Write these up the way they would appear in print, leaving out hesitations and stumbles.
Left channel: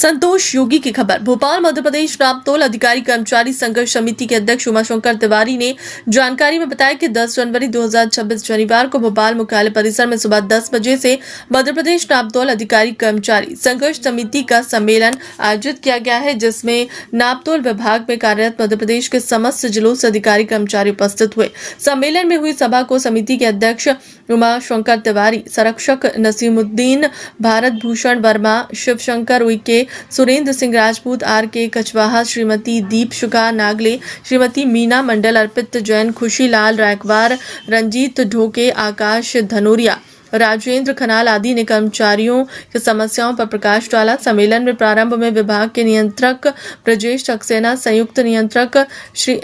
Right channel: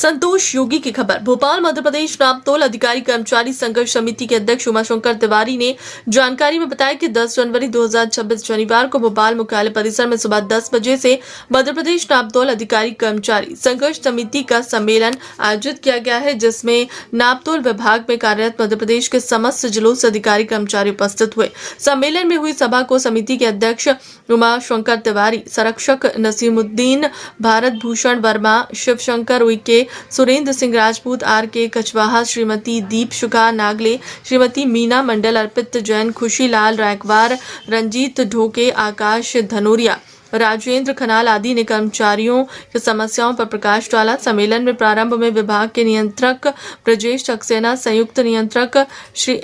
संतोष योगी की खबर। भोपाल मध्य प्रदेश नापतोल अधिकारी कर्मचारी संघर्ष समिति के अध्यक्ष उमाशंकर तिवारी ने जानकारी में बताया कि 10 जनवरी 2026 शनिवार को भोपाल मुख्यालय परिसर में सुबह 10 बजे से मध्य प्रदेश नापतोल अधिकारी कर्मचारी संघर्ष समिति का सम्मेलन आयोजित किया गया है, जिसमें नापतोल विभाग में कार्यरत मध्य प्रदेश के समस्त जिलों से अधिकारी कर्मचारी उपस्थित हुए। सम्मेलन में हुई सभा को समिति के अध्यक्ष उमाशंकर तिवारी, संरक्षक नसीमुद्दीन, भारत भूषण वर्मा, शिवशंकर उइके, सुरेंद्र सिंह राजपूत, आर.के. कछवाहा, श्रीमती दीप शुका नागले, श्रीमती मीना मंडल, अर्पित जैन, खुशीलाल रायकवार, रंजीत ढोके, आकाश धनोरिया, राजेंद्र खनाल आदि ने कर्मचारियों की समस्याओं पर प्रकाश डाला। सम्मेलन में प्रारंभ में विभाग के नियंत्रक ब्रजेश सक्सेना, संयुक्त नियंत्रक श्री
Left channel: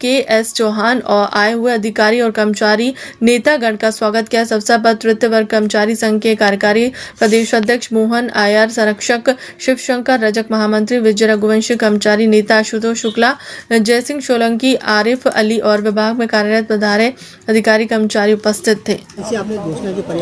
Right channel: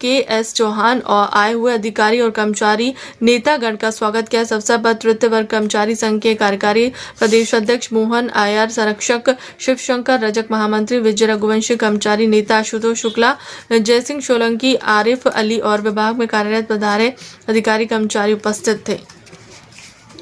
के.एस. चौहान और आए हुए अधिकारी और कर्मचारी नेतागण का स्वागत किया। इस अवसर पर तृतीय वर्ग कर्मचारी संघ के कार्यकारी प्रदेश अध्यक्ष मोहन आयर, संरक्षक शिवशंकर, रजक महामंत्री विजय रघुवंशी, कर्मचारी नेता आशुतोष शुक्ला, जयसिंह सोलंकी, आरिफ अली और विभाग में कार्यरत पधारे अधिकारी कर्मचारी उपस्थित थे।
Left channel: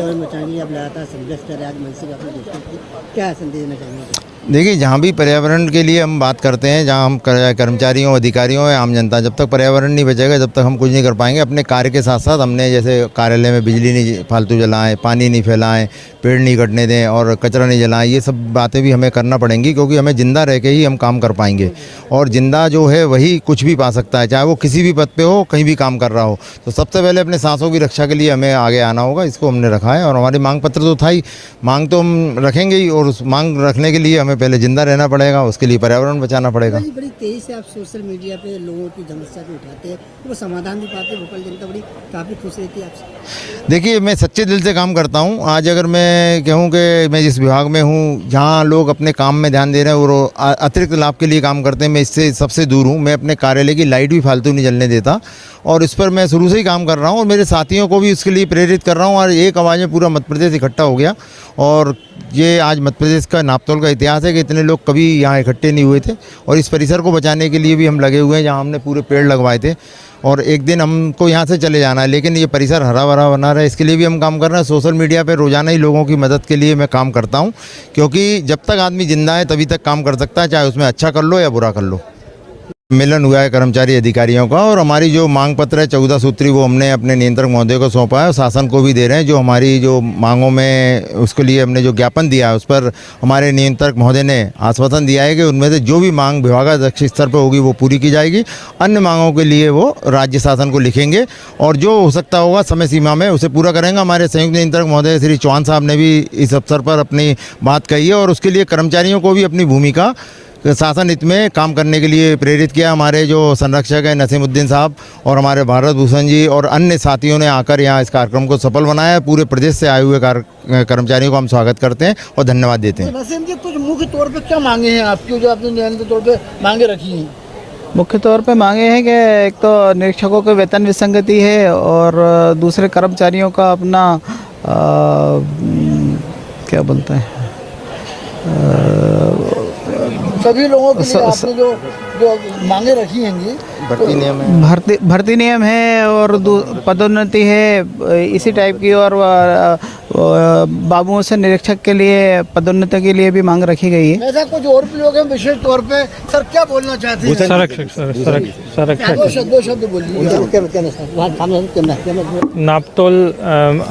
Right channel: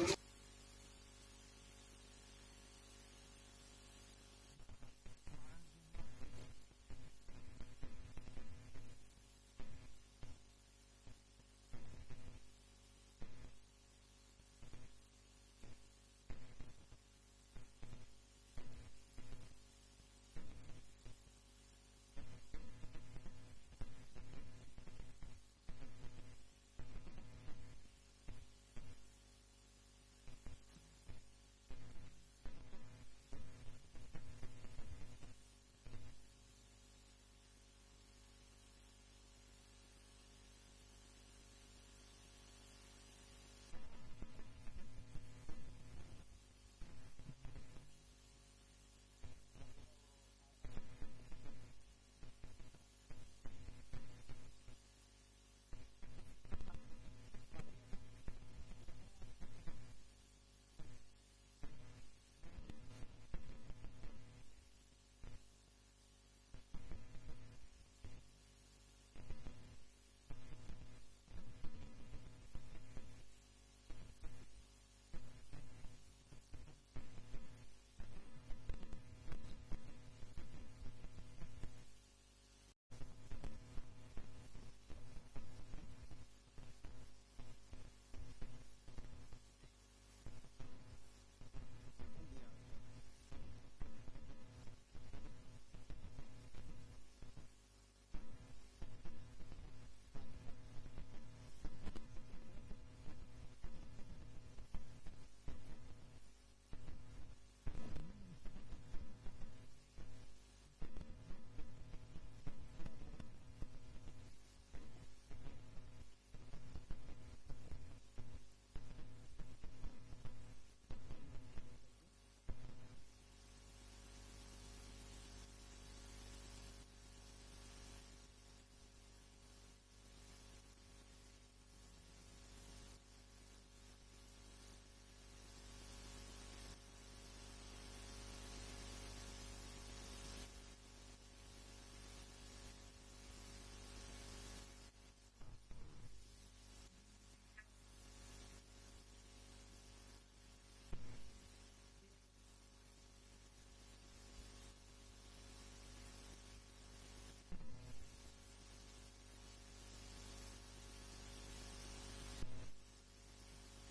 आप लगातार संघर्ष कर रहे हैं, आज मनसे का अपने दोस्तों को क्या संदेश देना चाहेंगे? देखिए, जहाँ भी पर्यावरण के लिए हम बात करते हैं, जहाँ हम कर्मचारियों, अधिकारियों या आम जनता, जब तक पर्यावरण नहीं बचेगा जब तक हम कुछ नहीं कर पाएंगे। अपने कार्य के साथ साथ हमने जैसे कार्यालय में बिजली नहीं फालतू जलाएं, पानी नहीं फैलाएं, पेड़ नहीं कटने दें और कचरा नहीं जलाएं, ये सब बातें भी हमें करना पड़ेंगी, क्योंकि हमें जिंदा रह के ही हम काम कर पाएंगे। और जिंदा जो है वही कुछ भी पा सकता है, चाहे वो किसी भी पद पे हो, कहीं भी काम कर रहा हो। तो सबसे पहले अपने सांसों की रक्षा के लिए हमें आगे आना होगा, इसको हमने रखा है। और हमारी मांग पत्र तो था ही, मांग तो हम रखेंगे ही, और उस मांग रखने के लिए हमें पहले जिंदा रहना पड़ेगा, उसके लिए पर्यावरण बचाना पड़ेगा। बड़ी तेजी से आप सोशल मीडिया पे लोगों की समस्या को उठाते हैं, वो समाधान भी पाते हैं। भोपाल जनता बड़ी काफ़ी खुश रहती है आपसे। देखिए, मैं सच्चे दिल से काम करता हूँ। आज अगर मैं कहूँ कि मैं जिस विभाग में हूँ, जहाँ लोग अपने काम में ध्यान दे रहे हैं और अतिरिक्त लाभ के लिए काम करते हैं, मैं इससे सबसे दूर हूँ। मैं अपने कार्यालय की लाइट भी फालतू नहीं जलने देता, और इस पर मैं शुरू से ही काम कर रहा हूँ और मेरे साथियों को भी इसके लिए प्रेरित कर रहा हूँ। और एक आवाज़ में पूरा मध्य प्रदेश इकट्ठा हो गया, और ये आज मध्य प्रदेश का नापतोल का इतिहास है कि इतने लोग कभी यहाँ इकट्ठे नहीं हुए थे। और इस परिसर को बचाने के लिए भी हम लगे हुए हैं, जहाँ हमने पूरे पेड़ लगवाए थे। और एक दिन हमको यहाँ से चले जाना है, लेकिन ये परिसर हरा भरा बना रहा है, इसके लिए भी हम काम कर रहे हैं। सोशल मीडिया पे रोज़ाना ही लोगों की मदद के लिए मैं काम करता हूँ, क्योंकि जब तक आदमी जिंदा है तभी तक काम कर सकता है, चाहे उसमें अच्छा कर लो या बुरा कर लो। सम्मेलन हुआ है कर्मचारी अधिकारियों का, और हमारी जो मांग पत्र है 14 सूत्री, वो हमने अपने नियंत्रक महोदय को सौंपा है और शासन को भी दे रहे हैं। जो हमारी जो मांगों में उसके लिए हमने जो ज्ञापन दिया है, उस पर हमारे नियंत्रक महोदय ने आश्वासन दिया है कि उनमें से जो भी मांग विभागाध्यक्ष स्तर पर होगी वो पूरी की जाएगी। अन्य मांगों के लिए वो राज्य शासन को लिखेंगे, और जो हो सकता होगा समय सीमा में उसे पूरा करेंगे। हमारे संयुक्त नियंत्रक महोदय श्री चौहान साहब ने भी इस अवसर पर अपनी बात कही है, और उसके लिए कर्मचारियों को भी अपनी भूमिका शासन हित में काम करने के लिए प्रेरित किया। हमारे जो संरक्षक हैं नसीमुद्दीन साहब और हमारे भारत भूषण जी और अन्य साथियों ने आकर यहाँ इस कार्यक्रम को सफल बनाया है। पूरे प्रदेश से आए हुए कर्मचारियों को हम स्वागत करते हैं और धन्यवाद देते हैं। नसीम जी, कुछ मुख्य तौर पर क्या मांगे हैं आपकी, जो आपने नियंत्रित तौर पर मांगे रखी हैं? मुख्य तौर पे मांगे हैं कि एक तो निरीक्षकों के वेतन विसंगति है, और दूसरे कर्मचारियों का अपना क्या बोलते हैं, सभी लोगों के लिए आपने जो मांगे रखी हैं, भर्ती नियम है और पदोन्नति है इसी टाइप की, और बाबुओं से निरीक्षक के लिए पदोन्नति के लिए भी मांग रखी गई है। ऐसा कुछ और भी लोग हैं विशेष तौर पे, सर क्या बोलना चाहते हैं? नापतोल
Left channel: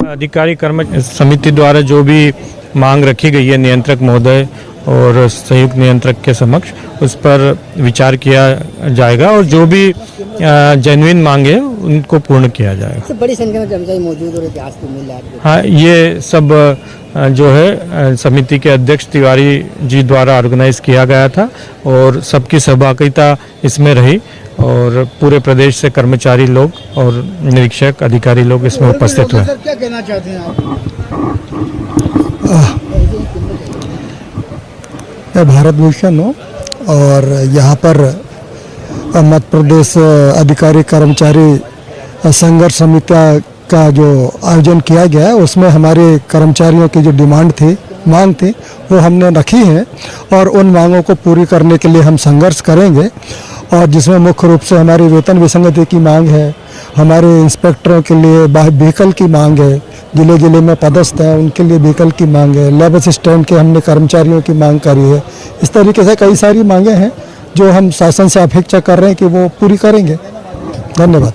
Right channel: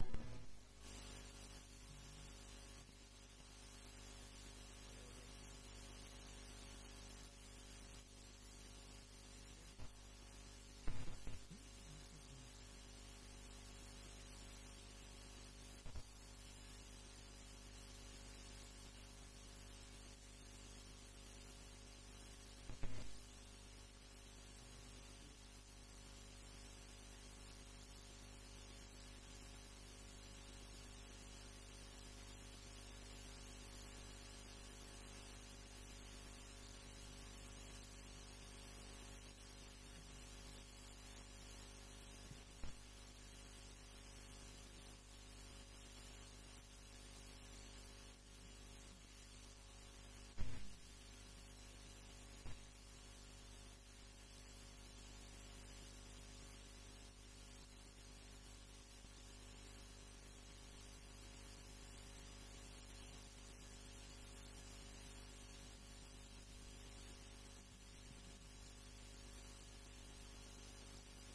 अधिकारी कर्मचारी समिति द्वारा जो भी मांग रखी गई है नियंत्रक महोदय और संयुक्त नियंत्रक के समक्ष, उस पर विचार किया जाएगा, और जो भी जेन्युइन मांगे उनको पूर्ण किया जाएगा। बड़ी संख्या में कर्मचारी मौजूद और इतिहास को मिल रहा है। हाँ, ये सब जो है समिति के अध्यक्ष तिवारी जी द्वारा ऑर्गेनाइज किया गया था, और सबकी सहभागिता इसमें रही, और पूरे प्रदेश से कर्मचारी लोग और निरीक्षक अधिकारी लोग इसमें उपस्थित हुए। क्या कहना चाहते हैं आप? भारत भूषण हो, और यहाँ पर मध्य प्रदेश अधिकारी कर्मचारी संघर्ष समिति का जो आयोजन किया गया है, उसमें हमारे कर्मचारियों की जो मांग थी वो हमने रखी है, और उन मांगों को पूरी करने के लिए हम संघर्ष करेंगे। और जिसमें मुख्य रूप से हमारी वेतन विसंगति की मांग है, हमारे इंस्पेक्टरों के लिए व्हीकल की मांग है, जिले जिले में पदस्थ हैं उनके लिए व्हीकल की मांग है, लैब असिस्टेंट के हमने कर्मचारियों की मांग करी है। इस तरीके से कई सारी मांगें हैं जो हम शासन से अपेक्षा कर रहे हैं कि वो पूरी करेंगे। धन्यवाद।